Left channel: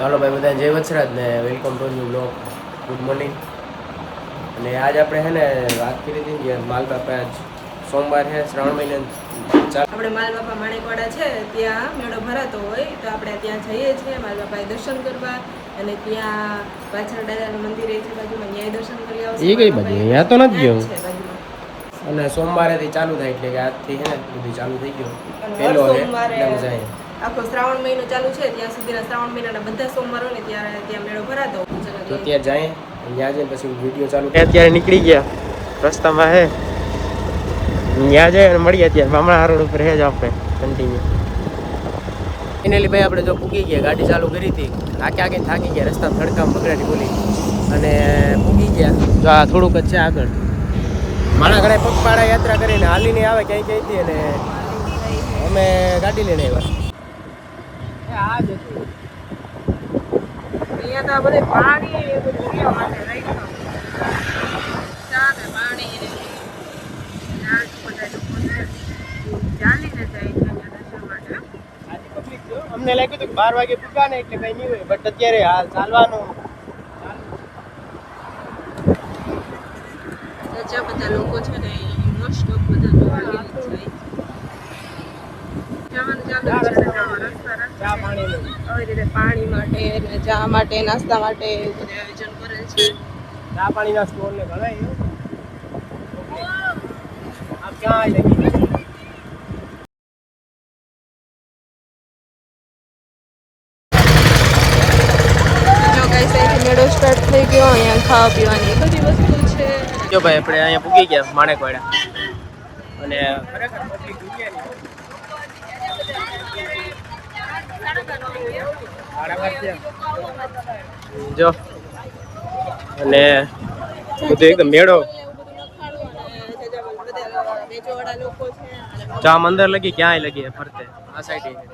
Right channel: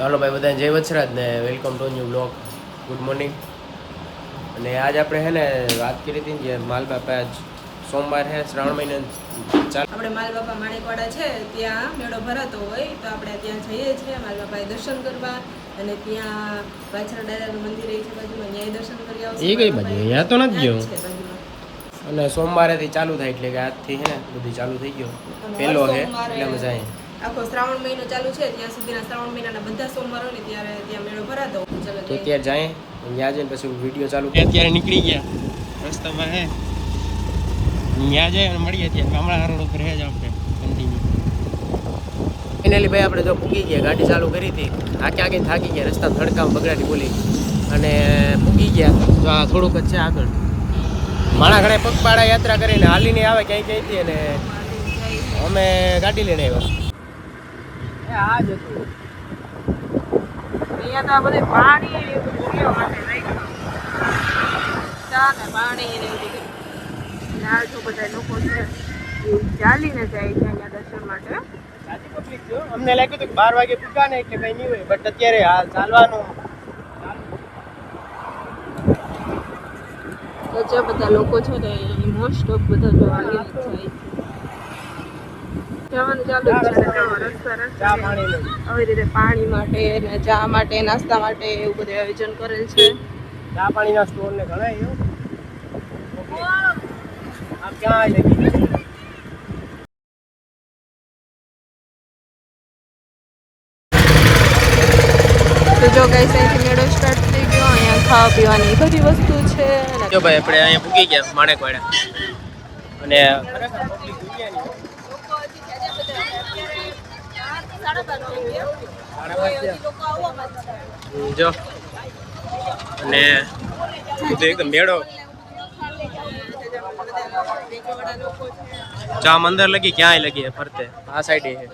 હાલો ભાઈ બધાને જય વત્સરાજ ને welcome to new blog. Good morning. અને આજ આપણે હે ને વાત કરી હતી કે માલ બાપા આજ સોમવાર છે, શ્રાવણ મહિના ચાલ આપણે માલ બાપા માણેકવાડા છે ત્યાં મેળો ભરાતો હોય તો આપણે ત્યાં જઈએ છીએ માલ બાપાએ દર્શન કરવા. અને ત્યાં પાછળ દાદાનું મંદિર છે બાજુમાં, ન્યાય દર્શન કરી આવશે. એ કઈ બાજુ? અહીંયા તો નથી ગયો. છે બાજુમાં. અને સોમવારેથી ચાલુ થાય એટલે કે આજથી હે ને બધું ચાલુ થઈ ગયો. પહેલો છે એટલે મજા આવે. આખો શ્રાવણ મહિનો ચાલુ છે ત્યાં સુધીના શ્રાવણ મહિનાના બધા સોમવારો ને ત્યારે ત્યાં મેળો ભરાતો હોય. તો ત્યાં જાય, ત્યાં જઈને પછી વિડીયો ચાલુ. અત્યારે નીકળી ગયા રસ્તામાં હે, ત્યાં જાય અને મળીએ. ત્યાં હમણાં રોડ ઉપર હે જ આપણે કન્ટિન્યુ. ફાઇનલી ભાઈ આપણે જો પૂગી ગયા, ગાડી ચાલુ કરી હતી, આગે થાકી ગયા, રસ્તા થડકામ બગડાટી બોલી અને પૂગી ગયા. જો આ થોડુંક જ છે આગળ. માણા ઘણા પગપાળા યાત્રા કરીને હાલીને આવે ક્યાંયથી, અને અમે ગાડી લઈને આવ્યા. આ જ હતું અહીંયા તો આ બધે પાણી પાણી બધા લોકો છે ચાલીને જાય છે અહીંયા દર્શન માટે. અમને લાગ્યું હતું કે 12 વાગે પૂગા ને એટલે કઈ નહીં હોય, બટ અત્યારે હાલ ચાલવાનું જે બધા લોકો છે ને મોસ્ટ ઓફ બધા જોવા જવાનું ચાલુ છે. ચા પાણી આવી રીતે પાણી માટે ને ચા માટે, નાસ્તા માટે એવું બધું આયોજન કરેલ છે. ચા પાણીના સ્ટોર ને ઘણા આમ ક્યાં લગી જો ગાઈસ અહીંથી મેળો સ્ટાર્ટ થઈ ગયો. અહીંયા ખાવા પીવાની બધી વસ્તુ છે. જો ભાઈ આપણે અહીંયા પૂગી ગયા માણેકવાડા, અને ખરેખર પબ્લિક દુનિયાની જો. અને બધું મેળો જામ અંદર લગી, ક્યાંય લગી ફરતે આ સાઈડ છે.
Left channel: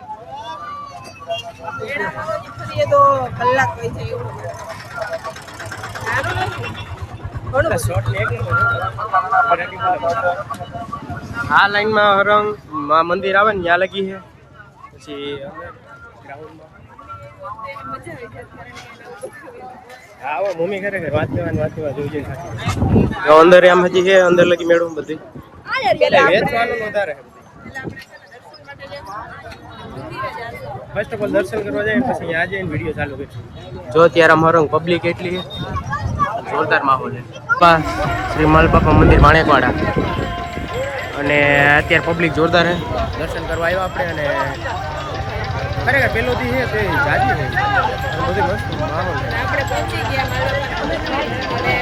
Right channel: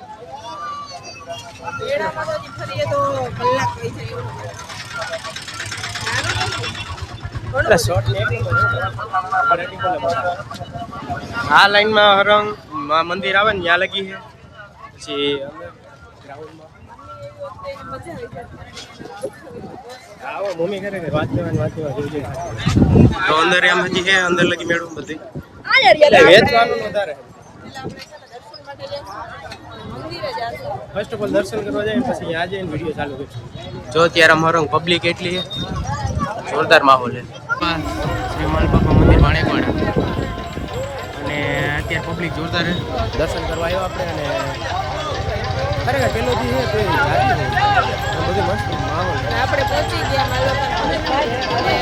આ લાઈનમાં હરંગ મંદિર આવે ને ત્યાં લગી છે. પછી ગ્રાઉન્ડમાં આવો મમ્મી ખરેખર વાત કરવા જોઈ જઈને થાકી. અંદર એમ હજી છે, અંદર લગી મેળવું બધી વેચવાનું વધારે છે. ફર્સ્ટ ઓફ ઓલ દર્શન કરવા જાય પછી અહીંયા જઈને વિડીયો ચાલુ કરીશું. જો અત્યારે અમારો પબ્લિક એટલી છે, જોરદાર માહોલ છે. શ્રી માલ બાપા મંદિર માણેકવાડા, અને અત્યારે પબ્લિક જોરદાર છે. દર્શન કરવા આવ્યા આપણે, અને ખરેખર પહેલોથી છે તે જાજી છે અને બધી મસ્ત માહોલ છે. આપણે પહોંચી ગયા માલ બાપા અને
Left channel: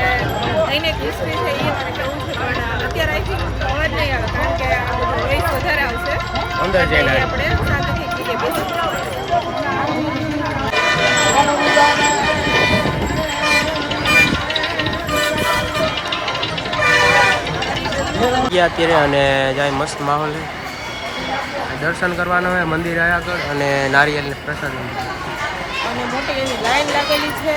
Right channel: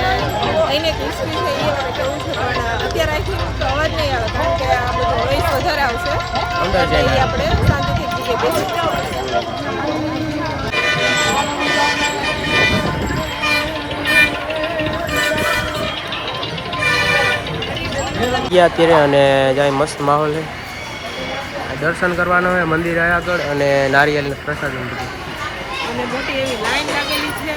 અહીંને હિસ્ટ્રી છે એ મારે કેવું છે, પણ અત્યારે આઈ થિંક તો અવાજ નહીં આવે કારણ કે આ બધું નોઈસ વધારે આવશે. અંદર જઈને આપણે શાંતિથી જગ્યાએ બેસી ગયા અત્યારે, અને જાય મસ્ત માહોલ છે. દર્શન કરવાનો હોય મંદિર આગળ, અને નારિયેલ ને પ્રસાદ અને મોટી એની લાઈન લાગેલી છે.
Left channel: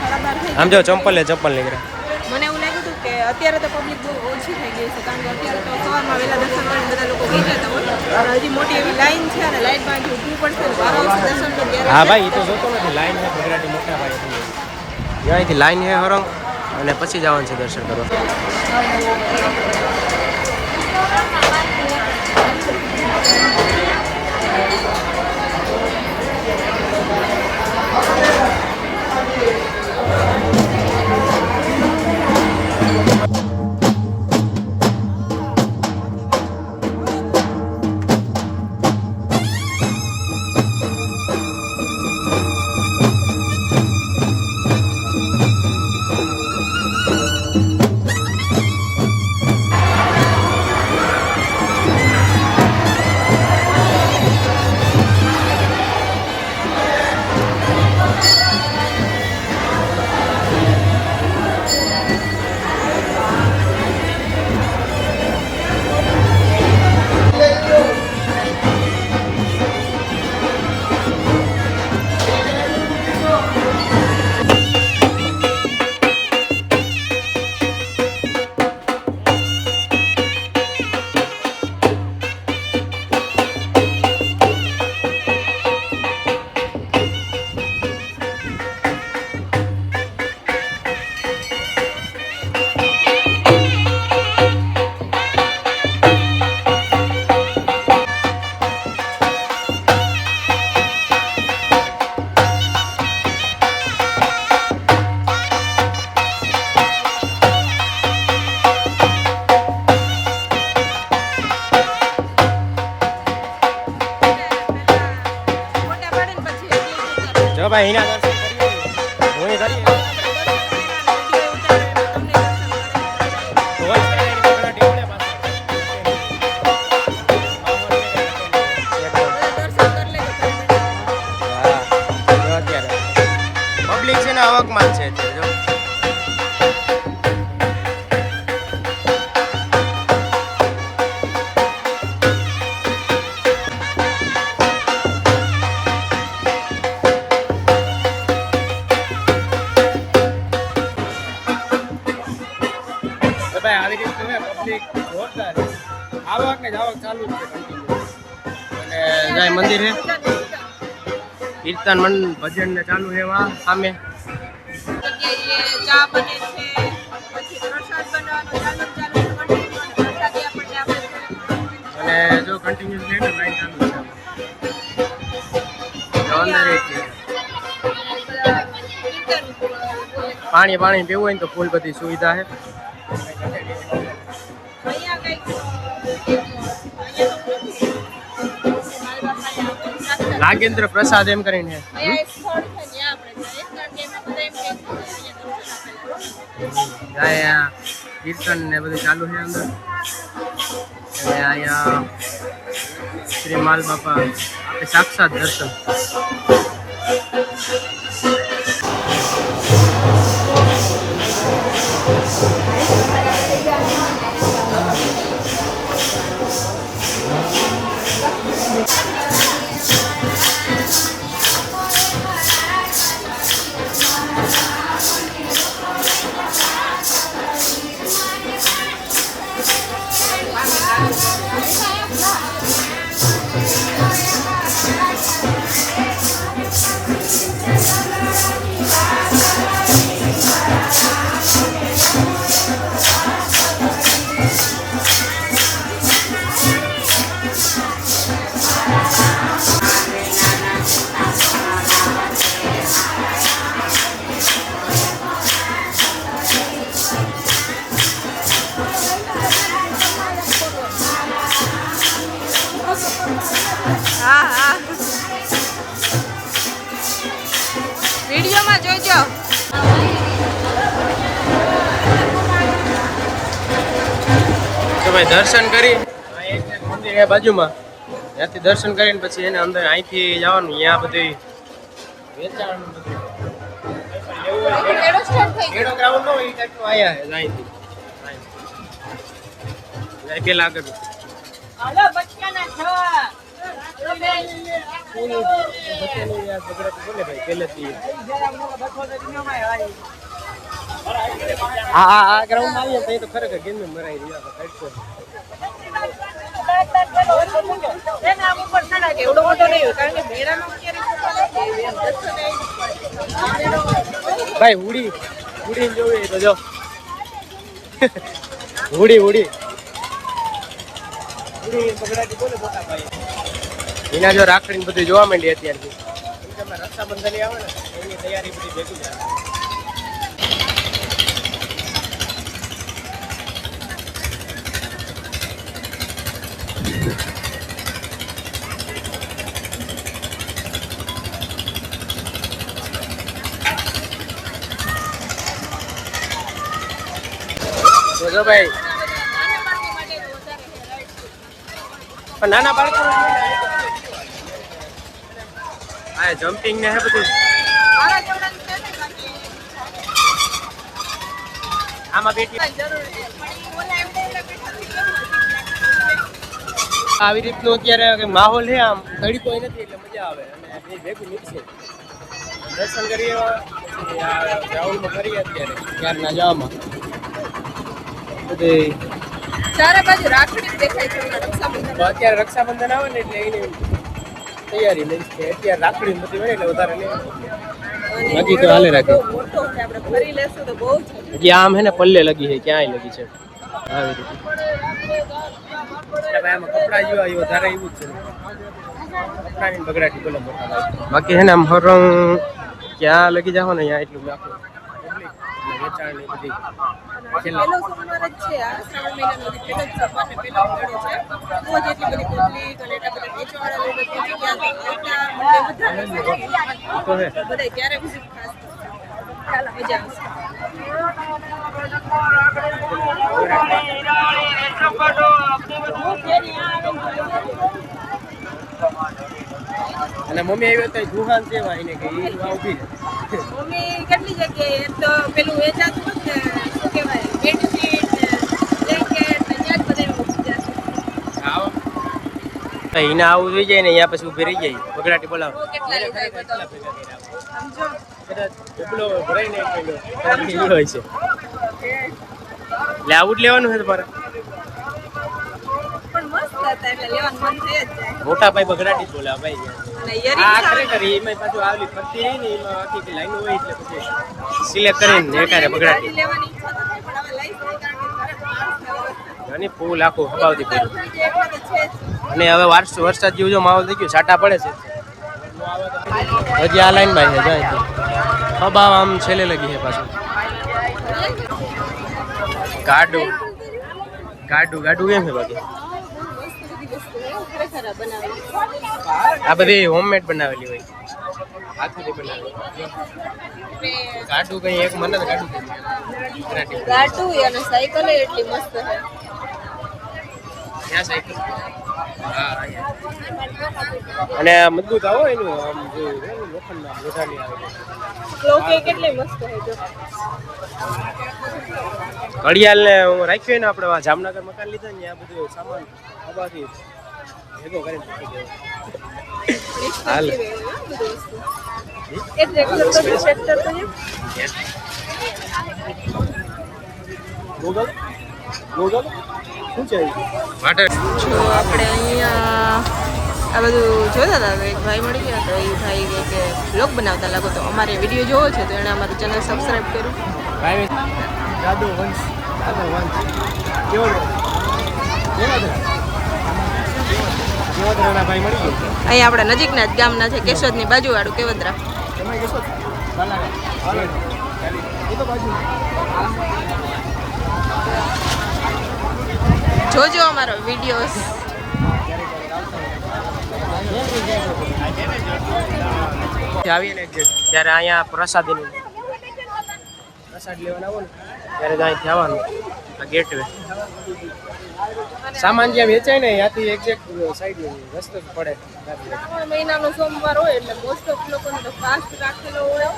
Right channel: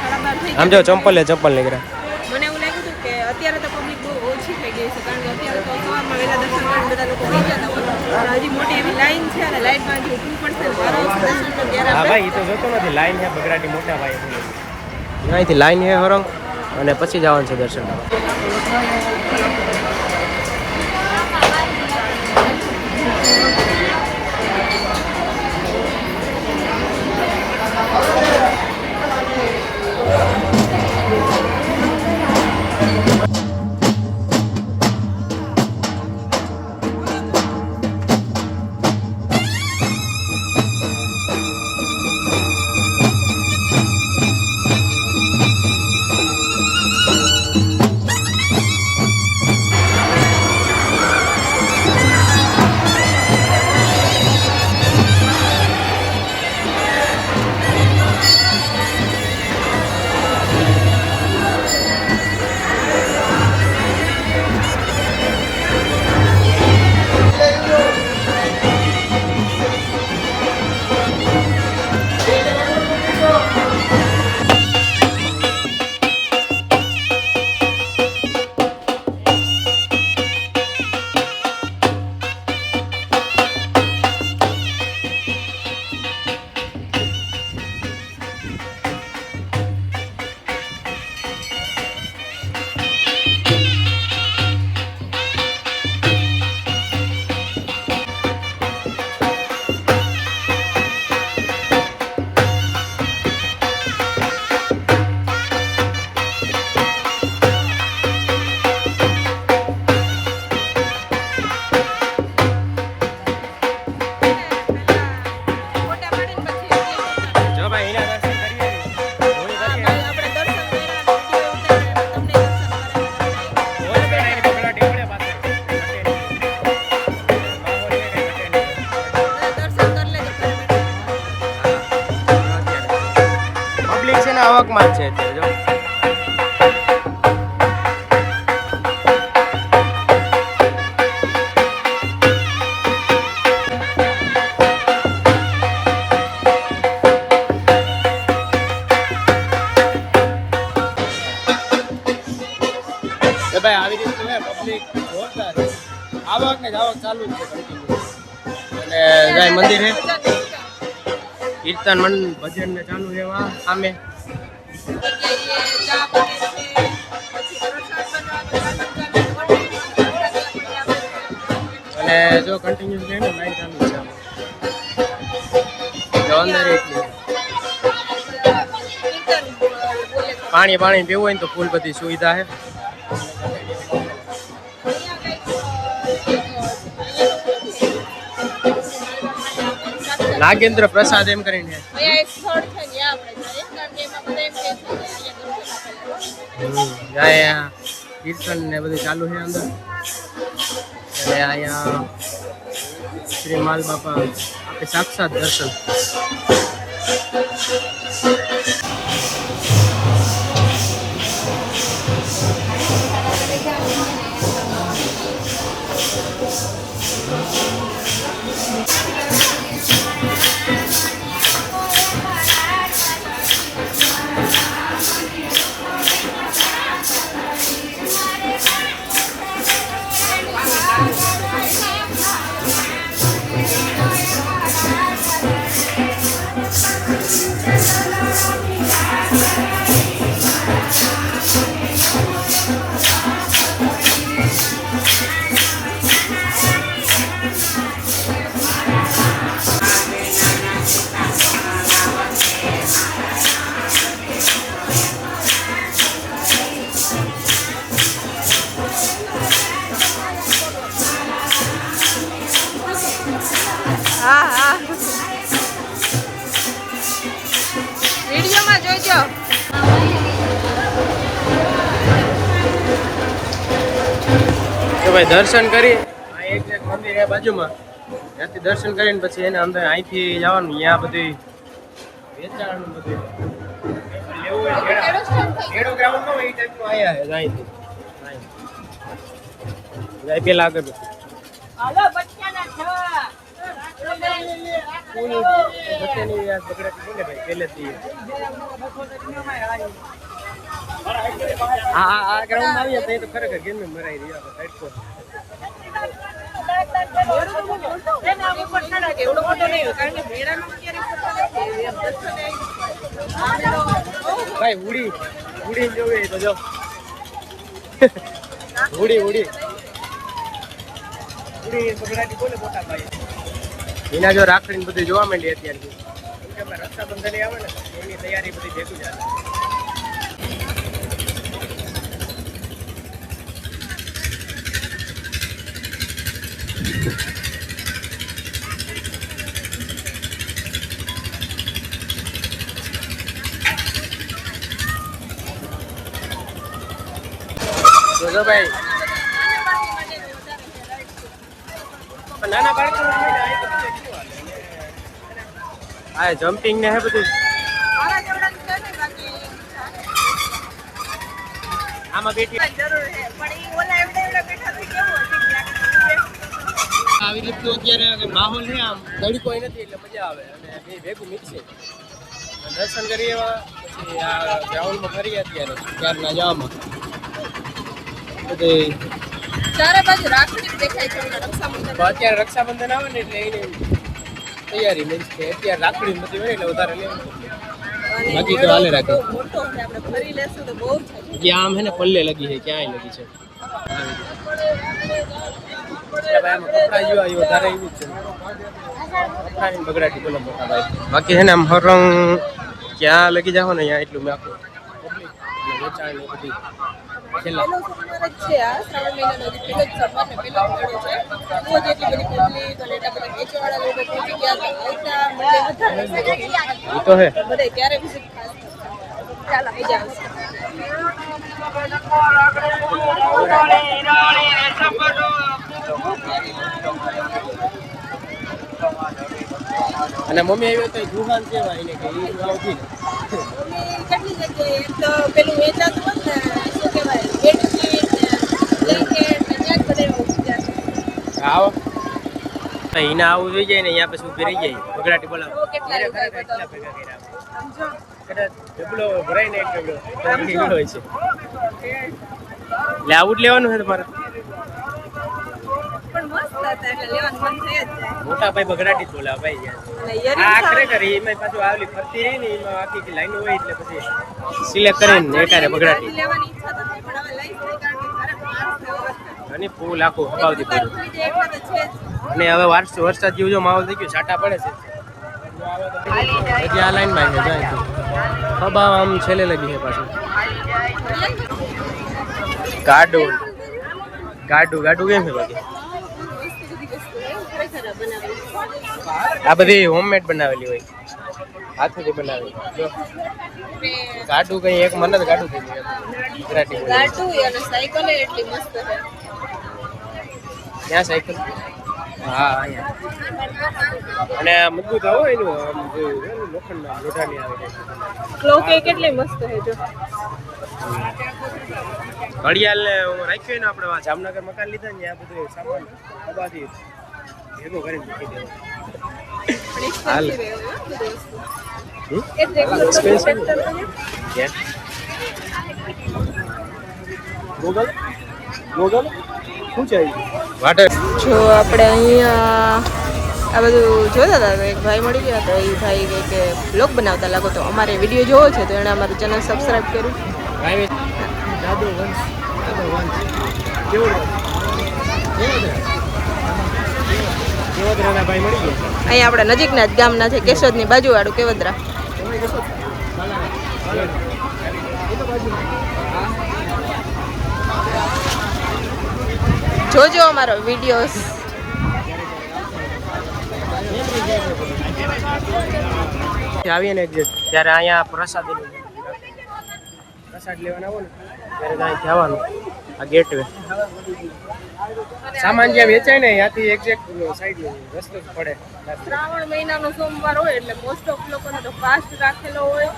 12:30 થઈ આમ જો ચંપલ નીકળ્યા. મને એવું લાગ્યું હતું કે અત્યારે તો પબ્લિક બહુ ઓછી થઈ ગઈ છે કારણ કે અત્યારે તો સવારમાં વહેલા દર્શન કરીને બધા લોકો વહી જતા હોય, પણ હજી મોટી એવી લાઈન છે અને લાઈનમાં હજી ઊભું પડશે ને દર્શન તો ત્યારે. હા ભાઈ, એ તો જોતો નથી. લાઈન છે બગરાટી મોટા ભાઈ, અહીંથી લાઈન છે હરંગ, અને પછી જવાનું છે દર્શન કરવા. જો ભાઈ એના દર્શન કરીએ હું કરીએ પબ્લિક છે ને આવકમાં જ છે અત્યારે જો આવી રીતનું હે પબ્લિક જોરદાર છે આવક ને જાવક ચાલુ જ છે કન્ટિન્યુ અને જાય મંદિર હે કીર્તન ભજન ને ચાલુ છે વા સામે અને જો કન્ટિન્યુ છે ને લાઈન ચાલુ છે જો અંદર એટલી પાણી પીવું હોય ને તો ફૂલ બધી સુવિધા છે નાગેન્દ્ર પ્રસાદ એમ કરીને અહીંયા કીર્તન ને બધું ચાલુ છે અંદર અને અહીંયા શ્રી માલ બાપા આપે સાક્ષાત દર્શન વિડીયોમાં જોઈજો તો ભાઈ દર્શન કરી એક મંદિર એ બાજુમાં ત્યાંથી દર્શન કરીને પછી એને અંદર અહીંથી જવાનું અહીંયા બધું વેચાણનું બધું ખેડો ગ્રાઉન્ડ ન હોય એ ટાઈપનું અહીંયા અહીંથી પેલા આગળ આ ગ્રાઉન્ડ આવીએ તો તો ખરેખર ગેમ મરાઈ રહ્યા તડકો ભાઈ ઉડી જોવી તો જો ઉડી બગડાટી બોલે મોટા ભાઈ એના જો રાખડી ને બધું જોવા માંડી અત્યારથી કેમ કે અમે રક્ષાબંધન આવે ને એની તૈયારી બધી ભેગી જાય તો જો ભાઈ નાના બાળકો આ જમ્પિંગ ને હે બધું આમાં બેઠી આવી રીતનું અત્યારે માહોલ છે આમ ઘડી કોઈ નથી એટલે મજા આવે અને બે ભેગું મિક્સ દર્શન કરીએ પછી આ ગ્રાઉન્ડમાં ફરીએ અત્યારે ત્યારના જવામાં બધી ચારે બાજુ રાખડી દેખાય છે રક્ષાબંધન અત્યારે રક્ષાબંધન આવે ને એટલે એની તૈયારી મીન્સ કે અત્યારે રાખડી બધી હોય એટલે વધારે લે બાકી તો હાલે રાખે મોટો છે આપણે ફરી લેશું તો બહુ છે આમ હે ને પલ્લે લગી છે ક્યાંય લગી છે આવી રીતે ભાઈ આમાં કપડા જેવા એ વધારે એવું જ છે કપડાની બગડાટી બોલે મોટા ભાઈ બાકી છે ને આમ હરંગ ક્યાં લગી જાવ ને ત્યાં એટલું મેં આખું પબ્લિક અને વેચાણ ને બધી પહેલો સોમવાર જ છે આ શ્રાવણ મહિનાનો હજી પહેલો જ સોમવાર ને પહેલો જ મેળો છે તો જ એટલી બધી પબ્લિક અને એટલા બધા વેચવાવાળા લોકો પહોંચી ગયા તો આવતા મને વધારે તો હે બધા ત્યારે વિઝિટ ખાસ કરશે ચાલો મજા આવશે અને મમ્મી આવ્યો તો દુકાન કેવાય ને કે ઈ આવતી મમ્મી કેટલી જગ્યાએ એક તો પેલું વેચાતું હોત ને શું કહેવાય બેડશીટ ને બ્લેન્કેટ ને ત્યાં જ બધા ઉભી જશે આવો તો એને આવું જોઈ જાય ને અહીંયા પછી ઉભી રહી જાય બગડાટી બોલાવો કેટલા લીધા કેટલા ભેગા કર્યા સમજો કદાચ ડબલો ભરાઈ ને એક ડબલો સમજો. હોય છે એટલે આવું જ લેવાનું છે તમારે પણ મસ્ત હતા એટલે લેવાનું મન થઈ જ જાય મોટા ભાઈ બગડાટી જ બોલાવે ભાઈ અને આ ઇયરિંગ્સ ખરેખર એમાં પાછું આવલી ફરતી રહી ને એમાં આખી લાઈન હોય એટલે પછી સિલેક્ટ કરીને એકારે બગડાટી લેવાની ઈચ્છા તો થાય પણ હવે લઈશ નહીં કારણ કે ઘરે માણસ થયો અને ફૂલ આખું હબાવતી દુકાન કર્યું ખુલી જાય એકલો તો છે જ અને હવે વરસાદ જેવું જો માહોલ થઈ ગયો છાંટા પડે છે હજી આ લાઈન માં છે જાય હબા આમ છેલ્લે લગી છે પાછું ગાડું ગાડું ગાડું કેમ છે બાકી આ બધી હોમમેડ બનાવેલી હોય હાથેથી બનાવેલી જો ગાડું કઈ એક મને જ ગાડું કીધું ગુજરાતી બોલી ગાટુ અને સાયકલ એટલી મસ્ત છે ક્યાં સાયકલ હા અહીંયા. અને મજબૂત આવો એનું આમ જોયું છે ને લોખંડના લોઢાની આવે છે લોકે કેટલી મસ્ત છે ઘડિયાળ ને હું રાખ્યું ને આપણે જામનગર મકાન લીધા ને આ બધું સામાન હબાથી ભેગો કરીને મૂકી દેવો હાલ. હમ? એક રેગ્યુલર ટ્રેક્ટર છે ગૂગલ ગૂગલ શું છે વાટર જો આપણે અહીંયા આ બધું જોતા હતા એક ભાઈ મળી ગયા તો એ ભાઈ કે બ્લોગ બનાવતા લાગો તો અમારે વિડીયો જોવો છે તો એણે અમારું ચેનલ સબસ્ક્રાઇબ કર્યું ભાઈ જાદુ વંશ કેવો કેવદરાના ભાઈ મળી ગયા અહીંયા આપણે નજીકના જ ગામના છે કેશોદની બાજુવાળું કેવદરા તમે કેશો જોજો અમારો વિડીયો આવીએ ને ત્યારે અહીંયા પ્રસાદ લેવાના આવો ને ત્યારે અહીંથી આવવાનું આ ગેટ વે સામાન જ્યાં વેચાય ને ત્યાંથી એક્ઝેક્ટ સાઈડ રસ્તો જ પડે શ્રાવણ મહિનાનો સોમવાર હોય એટલે મોસ્ટ ઓફ લોકોને તો ફાસ્ટ રાખેલો હોય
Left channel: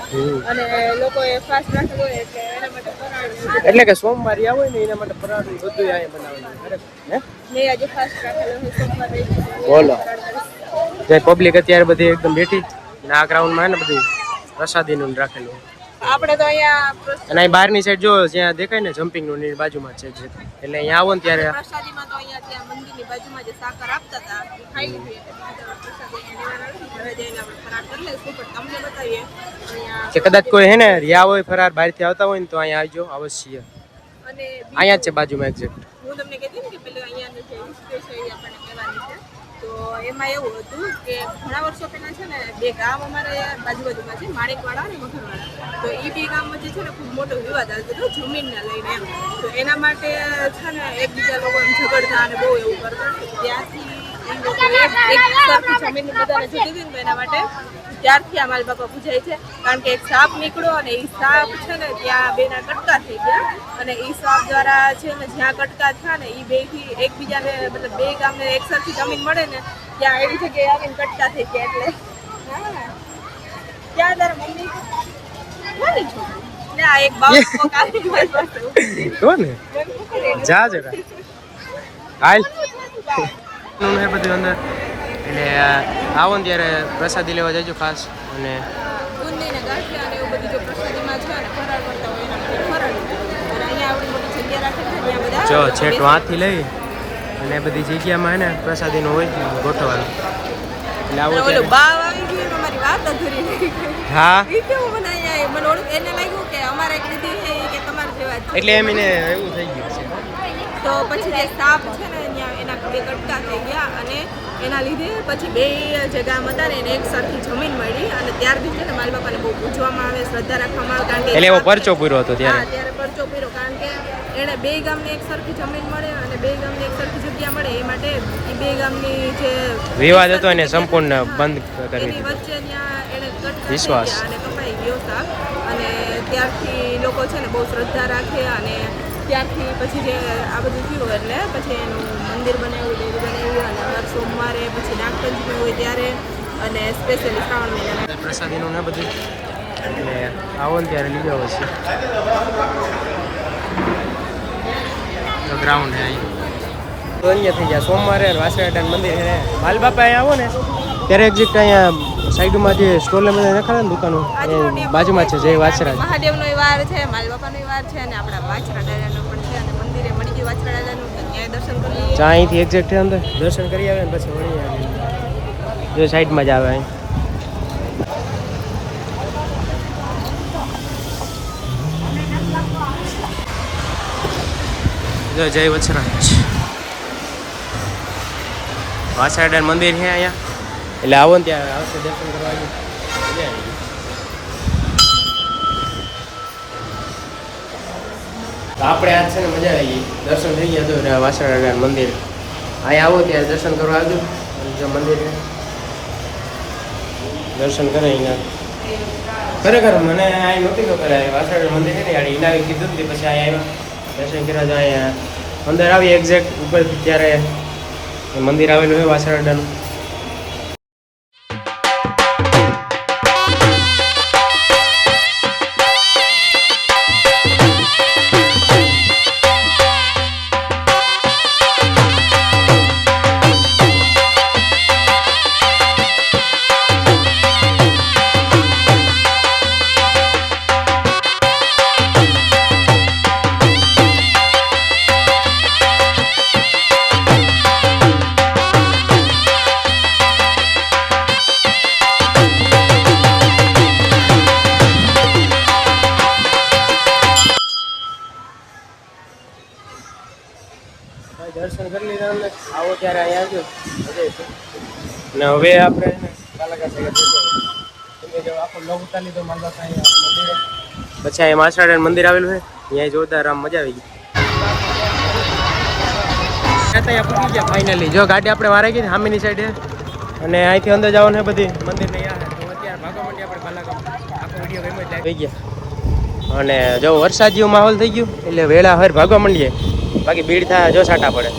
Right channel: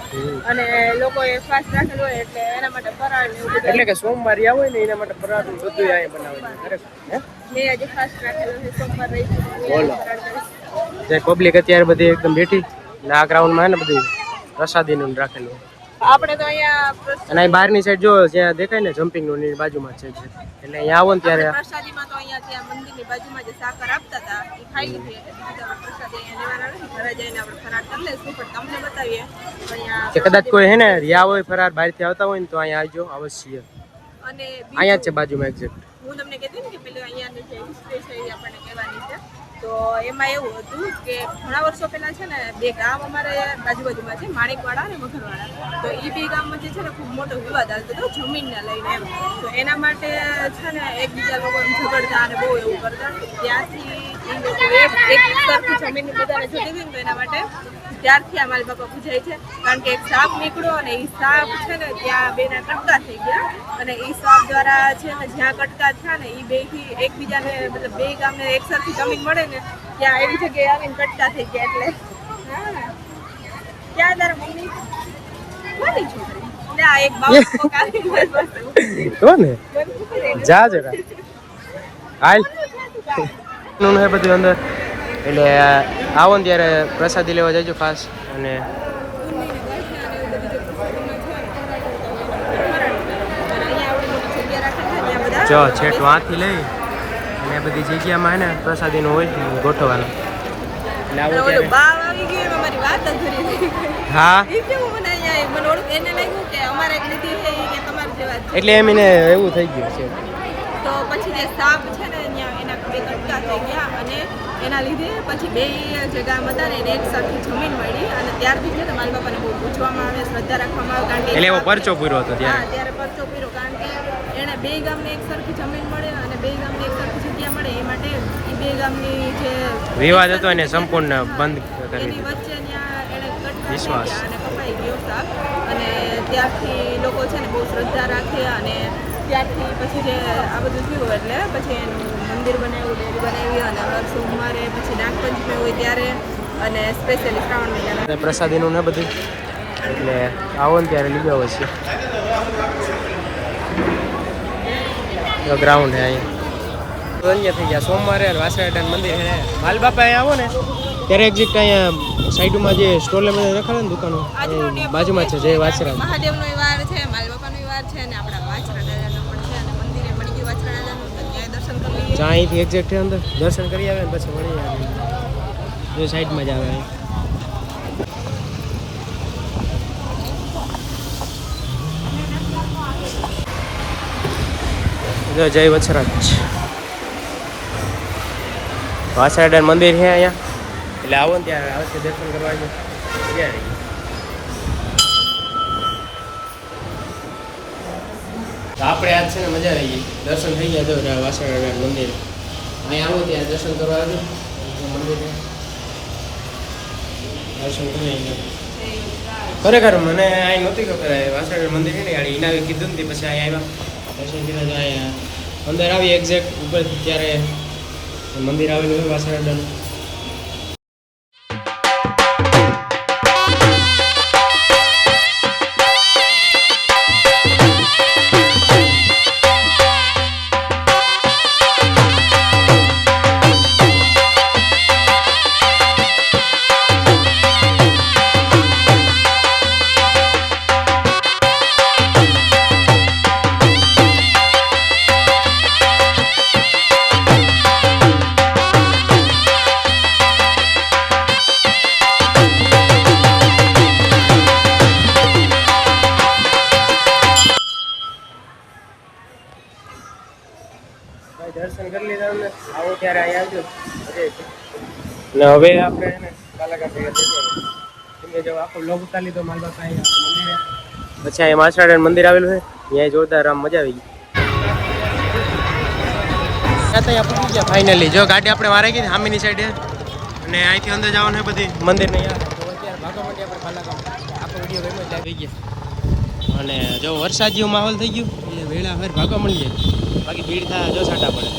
અને લોકોએ ફાસ્ટ રાખેલો હોય એટલે એના માટે ફરાળ ને એવું બધું. એટલે કે સોમવારે આવો ને એના માટે ફરાળ બધું અહીંયા બનાવેલું હોય ખરેખર હે મેં આજે ફાસ્ટ રાખેલો છે સોમવાર રહી છે તો હું બોલો. આજે ફરાળ કરીશ પબ્લિક અત્યારે બધી એકદમ બેઠી ને આ ગ્રાઉન્ડમાં ને બધું પ્રસાદીનું રાખેલું હોય. આપણે તો અહીંયા અને અહીં બહારની સાઈડ જો જ્યાં દેખાય ને જમ્પિંગ નું ની બાજુમાં જ છે એટલે અહીંયા આવો ને ત્યારે પ્રસાદીમાં તો અહીંયા ત્યાં મંદિરની બાજુમાં જે સાકર આપતા હતા એ ખાઈ લીધી એટલે બીજી તો આપણે પ્રસાદી અહીંયા લેવાના નથી ઘરે જઈને આપણે ફરાળ કરી લઈશું પણ તમને બતાવીએ તો અહીંયા કે કદાચ કોઈ હે ને રહ્યા હોય ફરાર બહારથી આવતા હોય ને તો અહીંયા આવજો અવશ્ય અને અહીંયા જ છે બાજુમાં એક્ઝેક્ટ હું તમને કહેતી ને કે પેલું અહીંયાની જે હિસ્ટ્રી છે એ આપણને કહેવાની છે તો એમાં એવું હતું કે ઘણા વર્ષો પહેલા છે ને બે ગામ અમારે બાજુબાજુમાં છે માણેકવાડા અને મગરવાડા તો એ બે ગામમાં જે છે ને ખૂબ મોટો વિવાદ આવતો હતો જમીનને લઈને એમ તો એના માટે છે ને એકબીજા લોકો એમ ઝઘડતા અને બહુ એવું કરતા ત્યાંથી એ લોકો એક સરખી જમીન બધાને જતી હતી ને તો એના માટે ત્યારથી આ માલ બાપા પૂજાય છે કારણ કે એક સાપ નીકળ્યો અને એ સાપ છે ને ત્યાં બેના કટકા થઈ ગયા અને એ સાપ દ્વારા છે ને જ્યાં કટકા થયા ને એ બેથી એકબીજાને મતલબ બે ગામને એક સરખી જમીન મળે ને ત્યાં એવી જગ્યાએ આવીને કટકા થઈ ગયા એટલે હા ત્યાં તારા મમ્મી કોની છોકરી એટલે આ એક બાબુ કાકી મારી પાસે તો ને બંધ કરે જા જરા હાલ નું હે બધું અંદર એટલે આવો ને ત્યારે પ્રસાદી લેવા જજો ખાસ અને બુંદીને ગાંઠિયા અને એવું બધું જો પ્રસાદીમાં છે ને ફરાળ કરતા હોય ને ફરાળ અને અહીંયા આવડી મોટી જગ્યા રાખેલી છે ત્યાં બધા જો છેટ વાંથી લઈ અને બધી જગ્યામાં હે ને પ્રસાદીનું હોય ગોઠવવાનું એટલે આવો ઓલું ત્યારે બાવ આવી ગયું એમાં મારી વાત અધૂરી રહી ગઈ હા એ કેવું મને અહીંયા મને ઓળખ એને લાગ્યું કે અમારે એક દીદી છે ઈ કે તમારે જેવા જ છે. એટલે એમ એને એવું થઈ ગયું છે તો પછી જે સાપ છે ને ત્યાં એના બે કટકા થઈ ગયા અને એના લીધે પછી બે જે ગામ હતા ને એને એક સરખી જમીન મળી અને ત્યારથી છે ને માલ બાપાને બહુ પૂછવામાં આવે શ્રદ્ધા રાખવામાં આવે કારણ કે એટલે એવો સાપ છે. પરચો પૂરો હતો હા ત્યારે ત્યારે પરચો પીરો કારણ કે એને બે ગામને એક સરખી જમીન મળે અને બે ગામને એક સરખી જગ્યા મળે એ માટે એ બે ગામની જે વિવાદ હતો એને સંપૂર્ણ બંધ કરી એની દીધો. વચ્ચે ત્યાં એને કટકા થઈ વિશ્વાસ. ગયા અને કપાઈ ગયો સાપ અને ત્યારથી લોકો છે ને બહુ શ્રદ્ધા રાખે અને ત્યારથી પછી જે આ બધું થયું એટલે પછી એનું મંદિર બનાવ્યું, ડેરી બનાવી અને દર સોમવારે પછી નાગપંચમી હોય ત્યારે અને સ્પેશિયલી શ્રાવણ મહિનાના પ્રસાદીનું ને બધું એટલે આવો ને ત્યારે લીધો હોય છે. ગ્રાઉન્ડ હે અહીંયા તો અહીંયા થઈ ગયા સોમવારે વાસણાટાન મંદિર હે. માલબાપા અહીંયા આવો ને ત્યારે એક્ઝેક્ટ અહીંયા સાઈડમાં જે સ્ટોલ ને બધા નખાડે ને દુકાનો એ બાજુમાં છે જય વાછરાજ. મહાદેવનો વાર છે, માલબાપાનો વાર છે અને આપણા વાછરા દાદાનો પણ છે અને મંદિરે મળી ગયું વાછરા દાદાનું તો ત્યાં દર્શન કરી લઈએ. જ્યાં અહીંથી એક્ઝેક્ટ છે અંદર દર્શન કરી આવે ને પછી વળી આવે જો સાઈડમાં જ આવે અહીં. જો જય વછરાજ વાછરાડાન મંદિર છે અહીંયા એટલે આવો ને ત્યાં આવશે દર્શન કરવા આવ્યો મજા આવી. તો આપણે આજ છે ને મજા આવી ગઈ દર્શન થઈ ગયા તો વાછરાડાન મંદિર અહીંયા આવો ત્યારે દર્શન કરવા આવજો. જો મંદિર છે દર્શન કરે અહીંયા ખરેખર મને અહીં નહોતી ખબર વાછરાડાન મંદિર છે ને યાર એના કીધું ને પછી અહીંયા આવ્યા દર્શન કર્યા તો અહીંયા અંદર આવી એક્ઝેક્ટ ઉપર ત્યારે મંદિર આવેલું છે વાછરાડાનું. દર્શન કરી લીધા અમને આવો ત્યારે અહીંયા આવજો મજા આવી. ને હવે આપણે એને બાલાઘાટ ભેગા થઈ ગયા જો આખો લોગ ઉતારી લીધો માલબાપા અહીંયા મંદિરે પછી અહીંયા વાછરાડાનું મંદિર આવેલું છે ત્યાં જોરદાર આમ મજા આવી ગઈ. ત્યાં પૂછી ગયા ફાઇનલી જો ગાડી આપણે મારી ગઈ સામેની સાઈડે અને અહીંથી અંદર જવાનું છે બધી મંદિરની યા તો અત્યારે ભાગવા માંડી આપણે બાલાગામ આખો વિડીયો ગમે જ થઈ ગયા અને જો વરસાદ જેવો માહોલ થઈ ગયો એટલે વેળા હવે ભાગવા માંડીએ બાકી ભીડ થાય જો છાંટા પડે.